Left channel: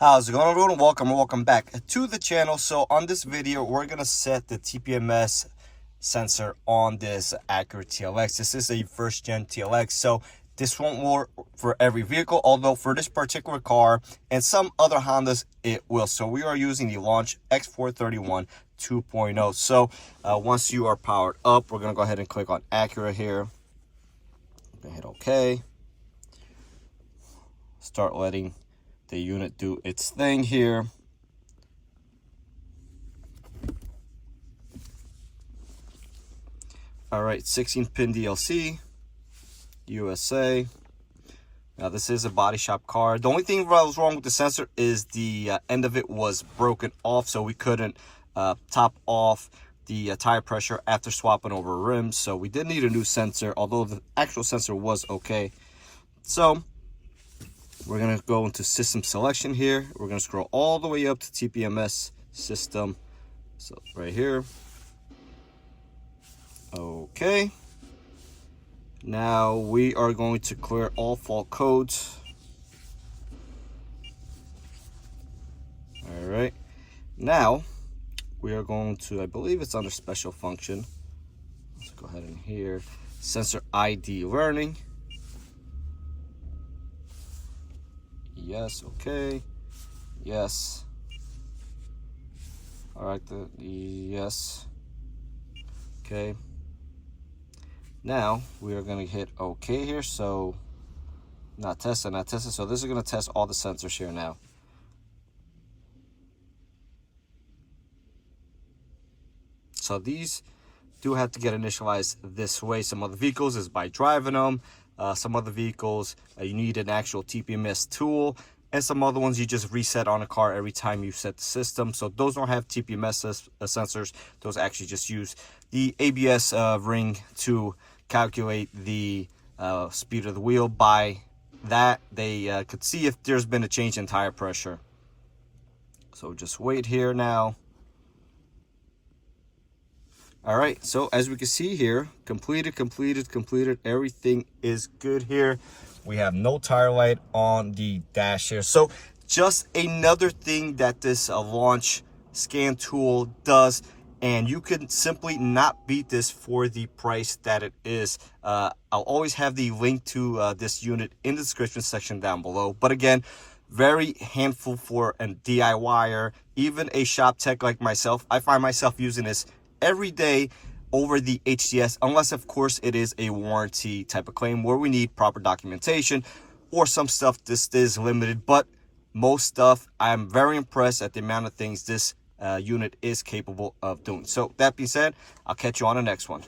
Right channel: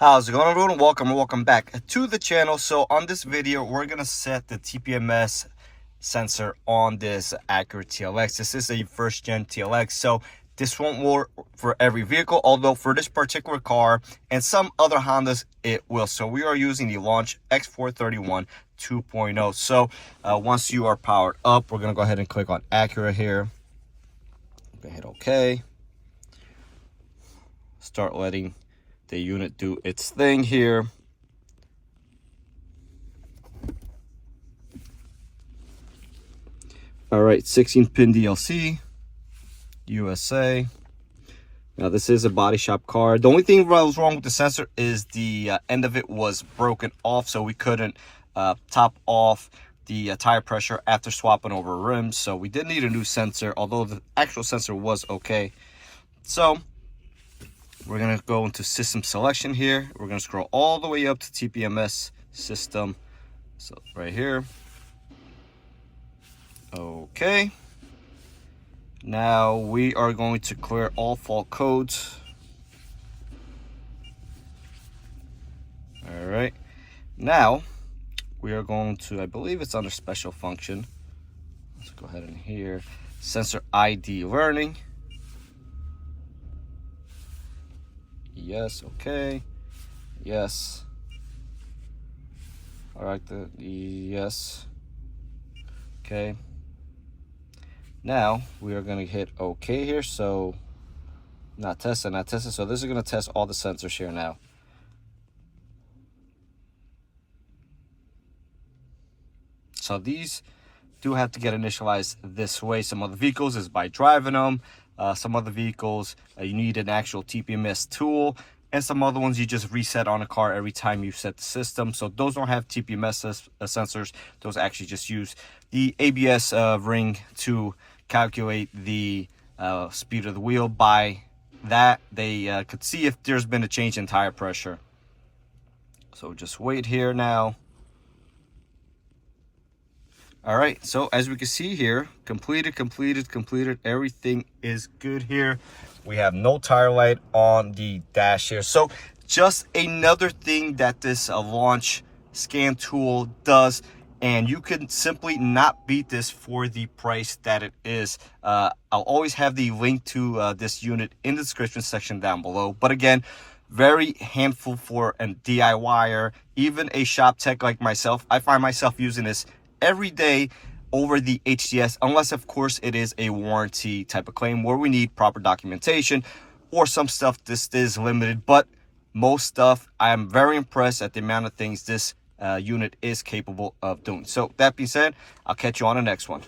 How's it going, everyone? Welcome back to the channel. So on this video, we're gonna set the TPMS sensor on this Acura TLX. This is a first gen TLX, so this won't work for every vehicle, although for this particular car and some other Hondas it will. So we are using the Launch X431 2.0. So once you are powered up, we're gonna go ahead and click on Acura here. I'm gonna hit OK. Start letting the unit do its thing here. All right, 16-pin DLC, USA. Now this is a body shop car. The only thing that was wrong with the sensor is the end of it was broken off, so we couldn't top off the tire pressure after swapping over rims. So we did need a new sensor, although the actual sensor was okay. So we're going to go into system selection here. We're going to scroll all the way up to TPMS system. So right here. Okay. Now we are going to clear all fault codes. All right. Now we are going to, I believe it's under special function. Let's go ahead and here. Sensor ID learning. Yes, okay. Yes. All right, yes. Okay. Now we are going to hit OK here. So not tested. So this is going to test all the sensors here now. So these do have to get initialized this way. Some other vehicles is by driving them. Some other vehicles, you need an actual TPMS tool. And some other ones you just reset on a car every time you set the system. So those don't have TPMS sensors. Those actually just use the ABS ring to calculate the speed of the wheel. By that, they could see if there's been a change in tire pressure. So just wait here now. All right, so as we can see here, completed. Everything is good here. We have no tire light on the dash here. So just another thing that this Launch scan tool does, and you can simply not beat this for the price that it is. I'll always have the link to this unit in the description section down below. But again, very handful for a DIYer, even a shop tech like myself. I find myself using this every day over the HDS, unless of course it is a warranty type of claim where we need proper documentation, or some stuff this is limited. But most stuff, I am very impressed at the amount of things this unit is capable of doing. So that being said, I'll catch you on the next one.